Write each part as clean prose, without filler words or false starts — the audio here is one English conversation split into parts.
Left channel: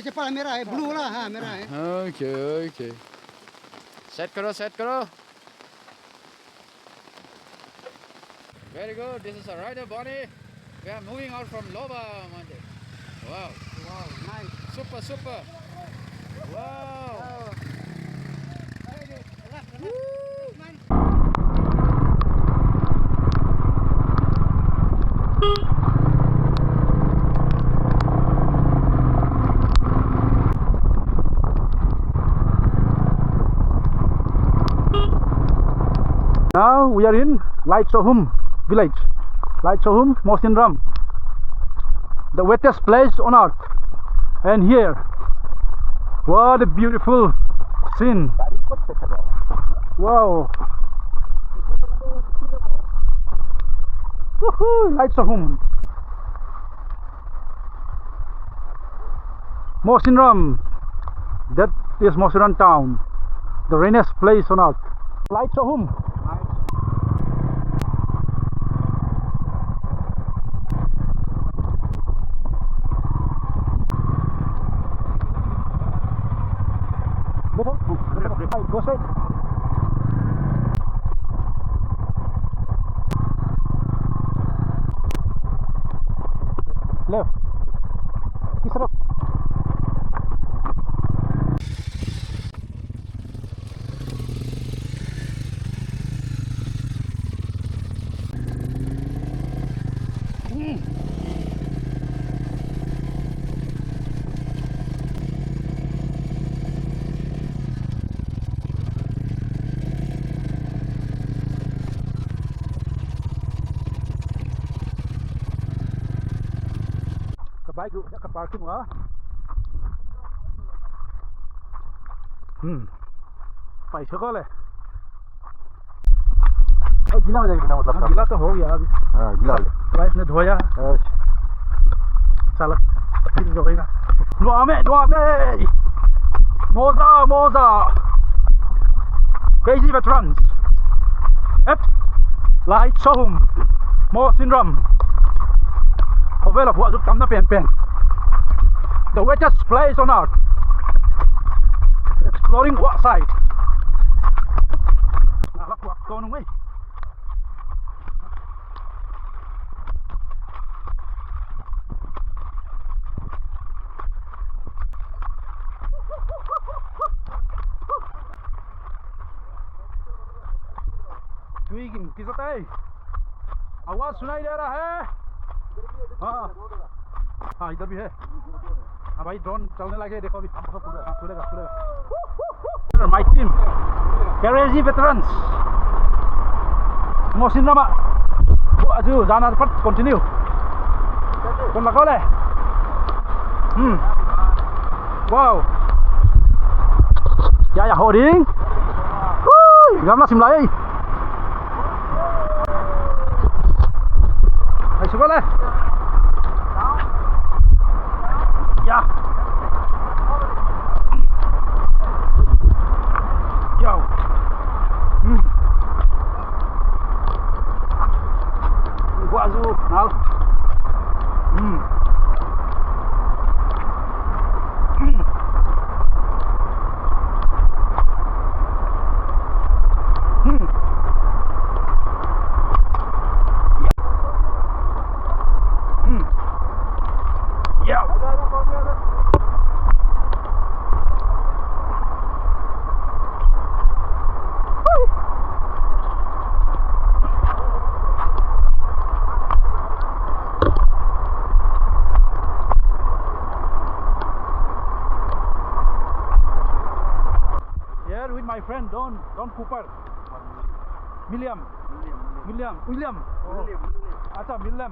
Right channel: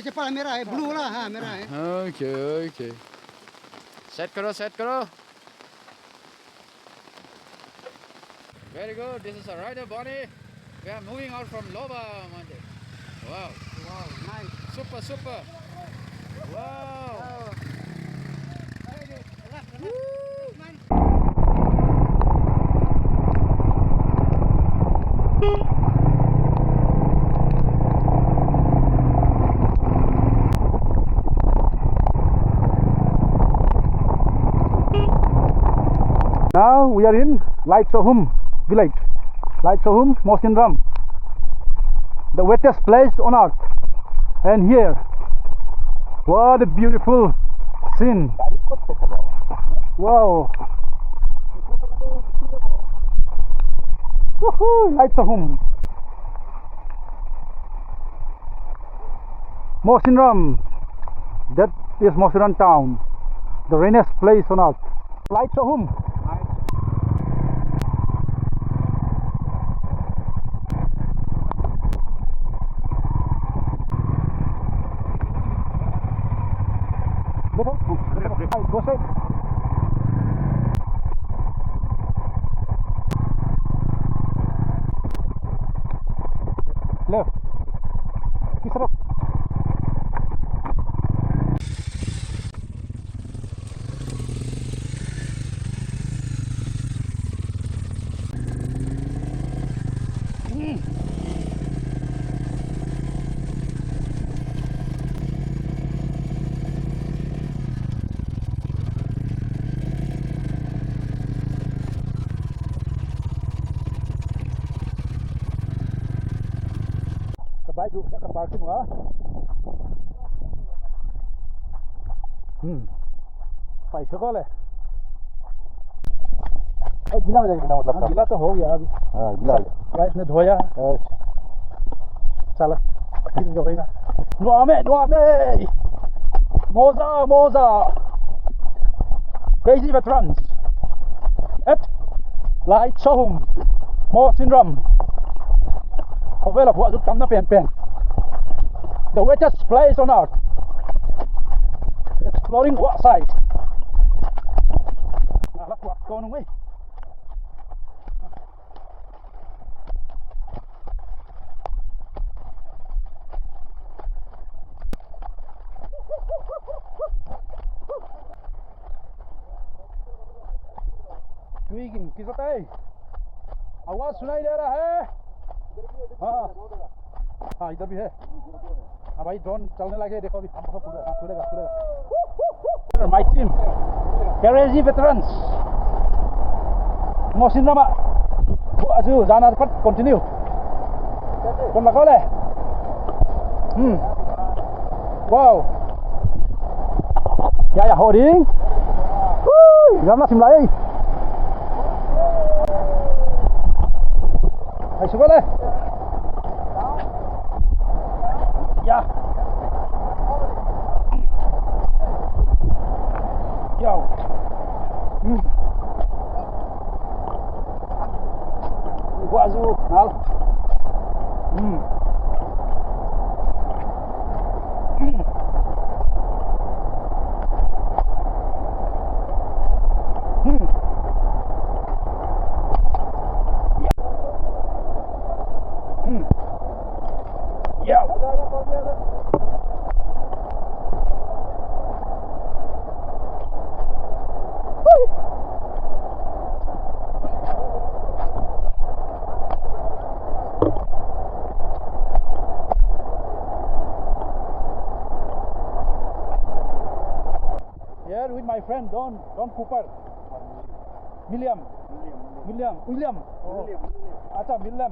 Cepat merah blue lah merah Okay. Set karo. Very good. This is a rider Bonnie. We are moving out from Loba Monday. Wow, nice. Super. Wow. Now we are in Light Sohum village. Light Sohum, Mosinram, the wettest place on earth. And here, what a beautiful scene. Wow. Woohoo, Light Sohum. Mosinram, that is Mosinram town, the rainiest place on earth. Light Sohum. Go straight. Left. Kiss it up. Baik tu, nak ke parking lah. Phải sửa ले. गीला हो जाएगा ना मतलब गीला तो हो गया अभी. गीला वाइफ ने धोया. चलो फिर जोड़ेगा. Nuame. Moza. Crazy veterans at Light Sohum, Mosinram. Không biết là vợ giúp tắm nó phèn. The wettest place on earth. Exploring Wah Kshaid. Nah, lắc quạt con không ấy. Tweaking, किसका है? आवाज सुनाई दे रहा है? हाँ इधर भी है. हाँ भाई ड्रोन चलने लगे देखो अभी खुलेगा. My team, crazy veterans. Mosinram ạ. Aduh, jangan cepat, continue. Con là có này. Wow. Dạ hộ điên. Gắm nó xìm lại. Hãy xuống đây. Ja. Yo. Gua azul, nal. Here with my friend Don Cooper. William. Acha William.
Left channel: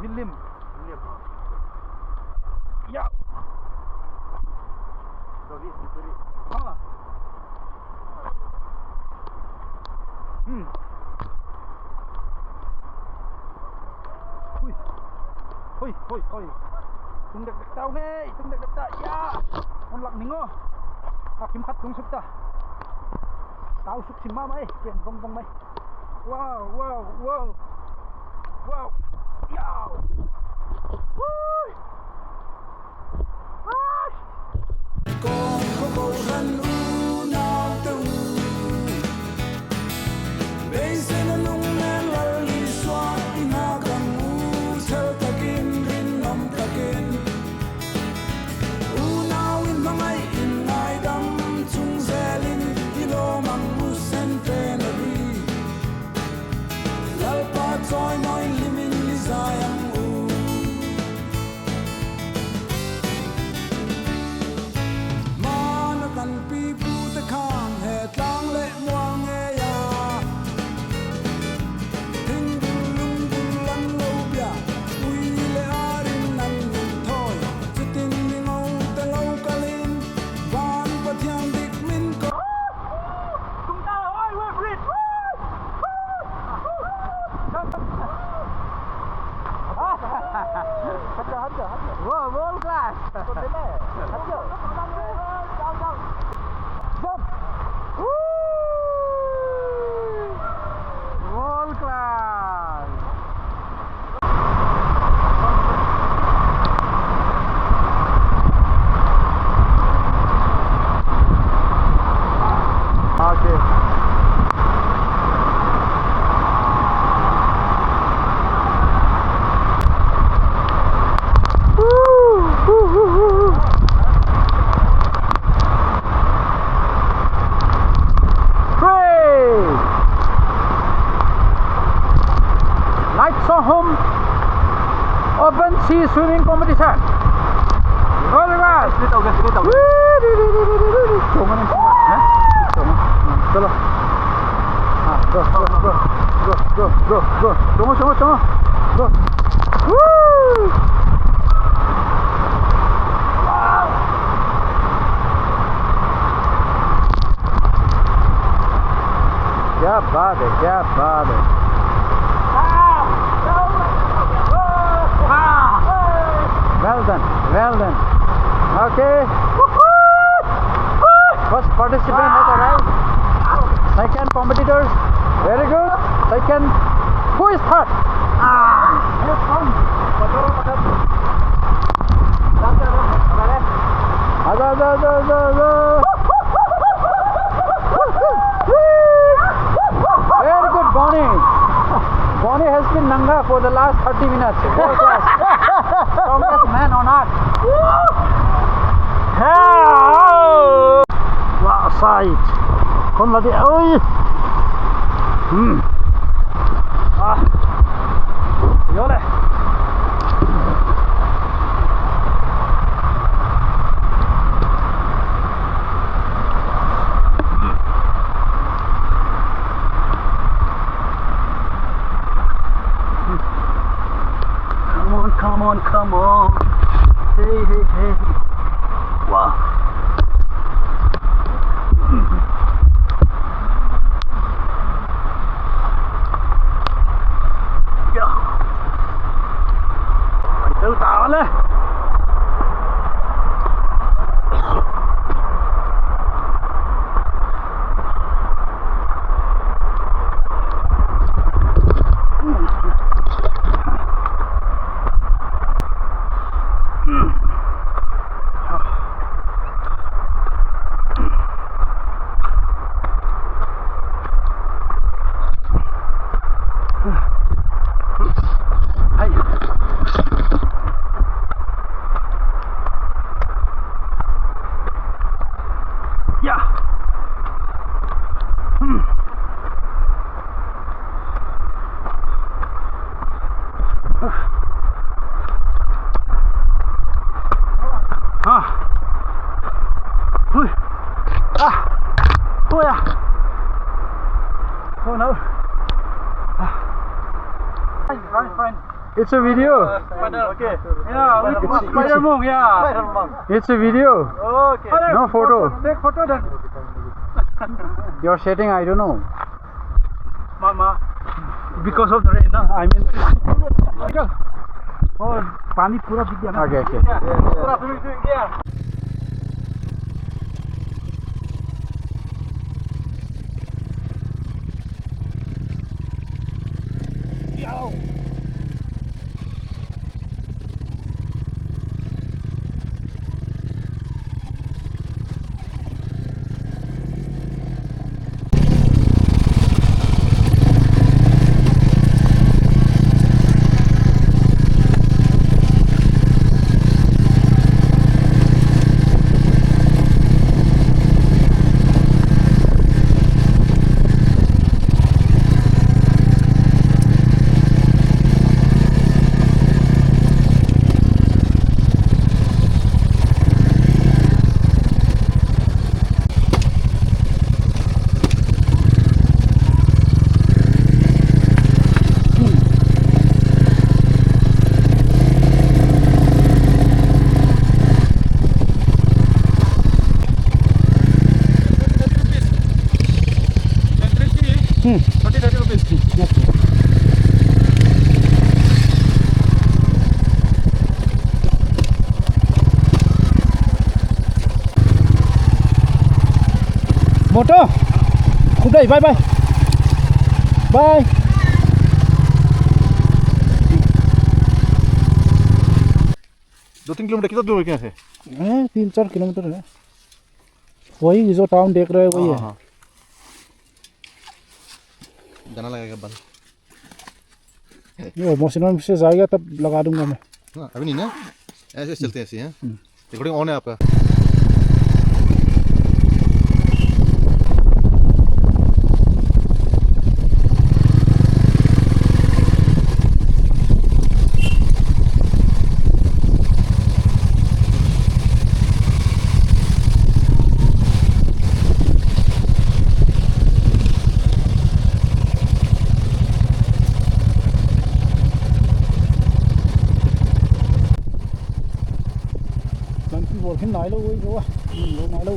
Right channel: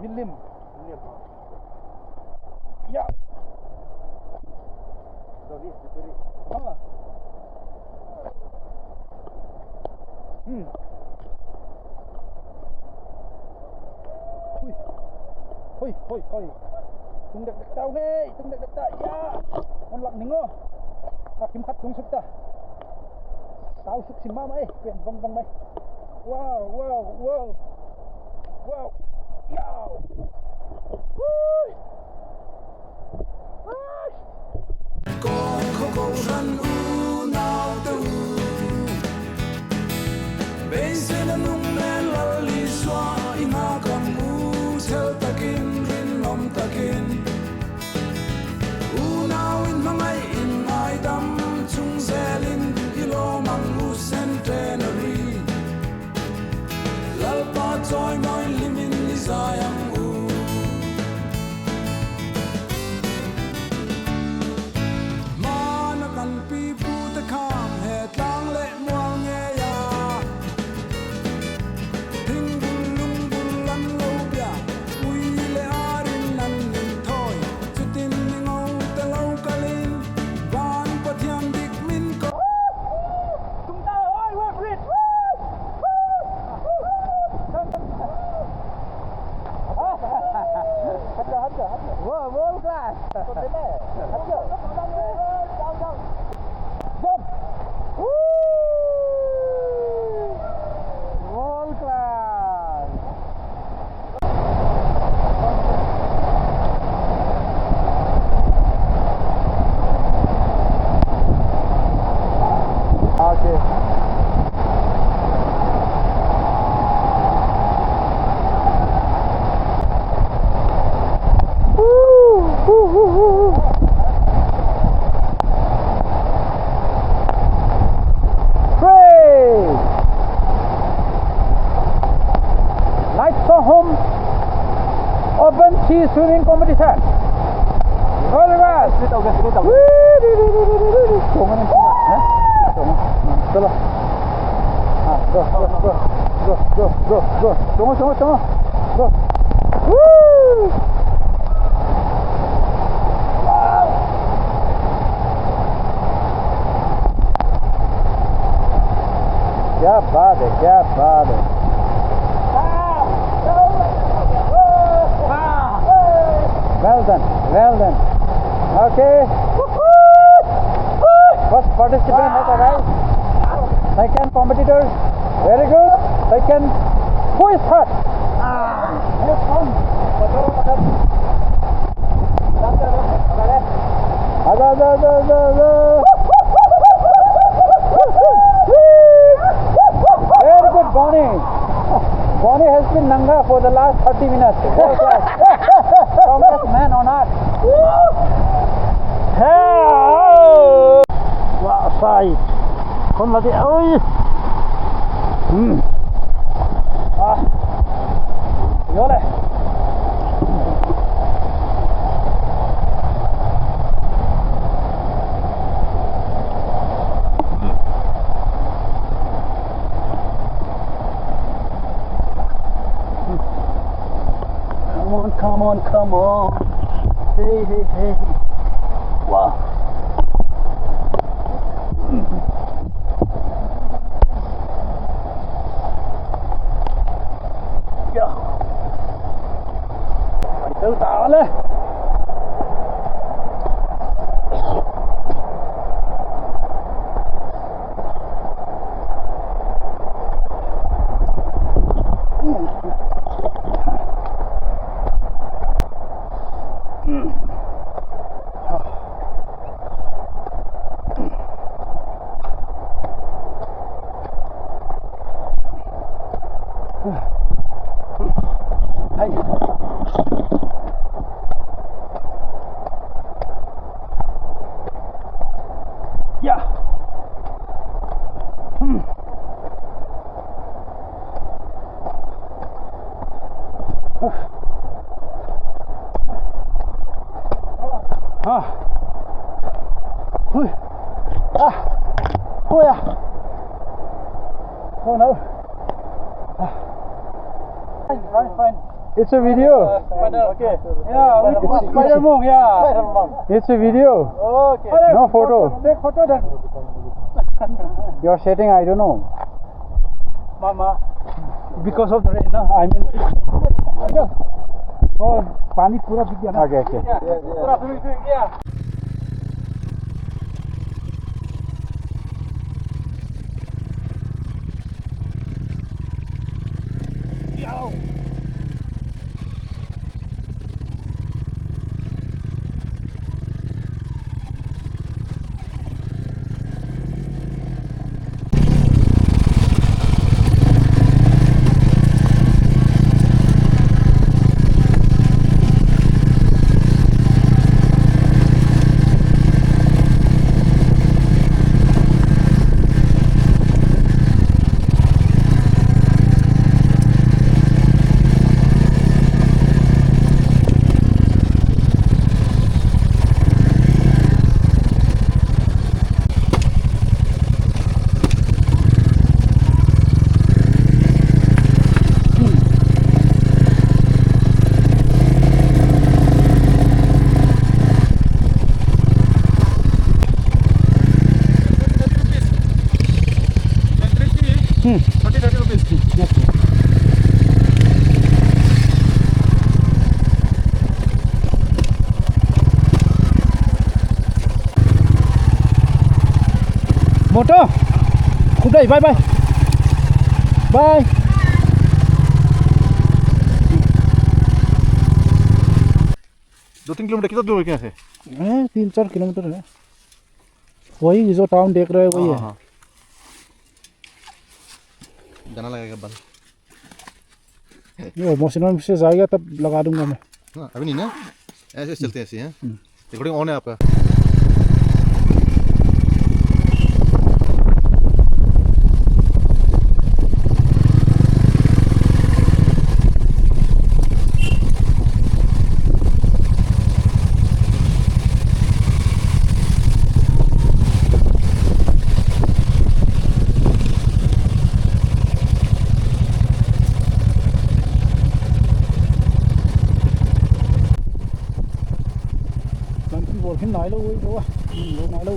William. Ya. Hoi. tung dak dak tau hey, tung dak dak tak ya. On lak ningo. Kim khat tung suk ta. Tau suk sim ma mai, ken bong bong mai. Wow, wow, wow. Wow. Yow. Woo. Con không cầu răn u nào teu bên xe nó nung lên lal li xoa ina kam u sel takin rin nom takin u nào in mangai in ngai dam chung zelin ilo mang u centenary lal pa choi noi limin ni zayang u kan pi pu ta kham he tlang le muang nge ya thing bul lung bul lan lo bia ui le arin nan nin thoi chutin ni ngau ta lo kalin van pathian dik min ko Tung ta oi we brit. Hada. Wow, world class. Jump. Woo! World class. Okay. Home open sea swimming competition. All right. Chalo. Go. Go. Woo! Wow. क्या बात है. Well done. Okay. First participant has arrived. Second competitors. Very good. Second. Who is third? Very good, Bonnie. Bonnie has been nanga for the last 30 minutes. World class. Strongest man on earth. Wah Kshaid. Kon lagi. Oi. Yole. Come on. Hey. Wow. Yeah. Phải tự tạo lên. Oh yeah. Oh no. Fine. It's a video. Okay. Yeah, it's Spider Monk, yeah. It's a video. Okay. No photo. Take photo then. Your setting, I don't know. Mama. Because of the rain, no? I mean. Go. और पानी पूरा दिख गया ना Okay, okay. पूरा swimming दिख गया Motor, good day, bye bye. Bye. दो तीन किलोमीटर कितना दूर है क्या से 3-4 किलोमीटर है वही जो टाउन देख रहे हैं वही है हाँ जाना लगेगा बंद ये मौसम से जाएगा तब लगा दूंगा मैं हाँ अभी नहीं ना ऐसे चलते हैं ऐसे हैं रिकॉर्डिंग ऑन है आपका Nanti boleh naik lo, woi, bawa, lo naik lo.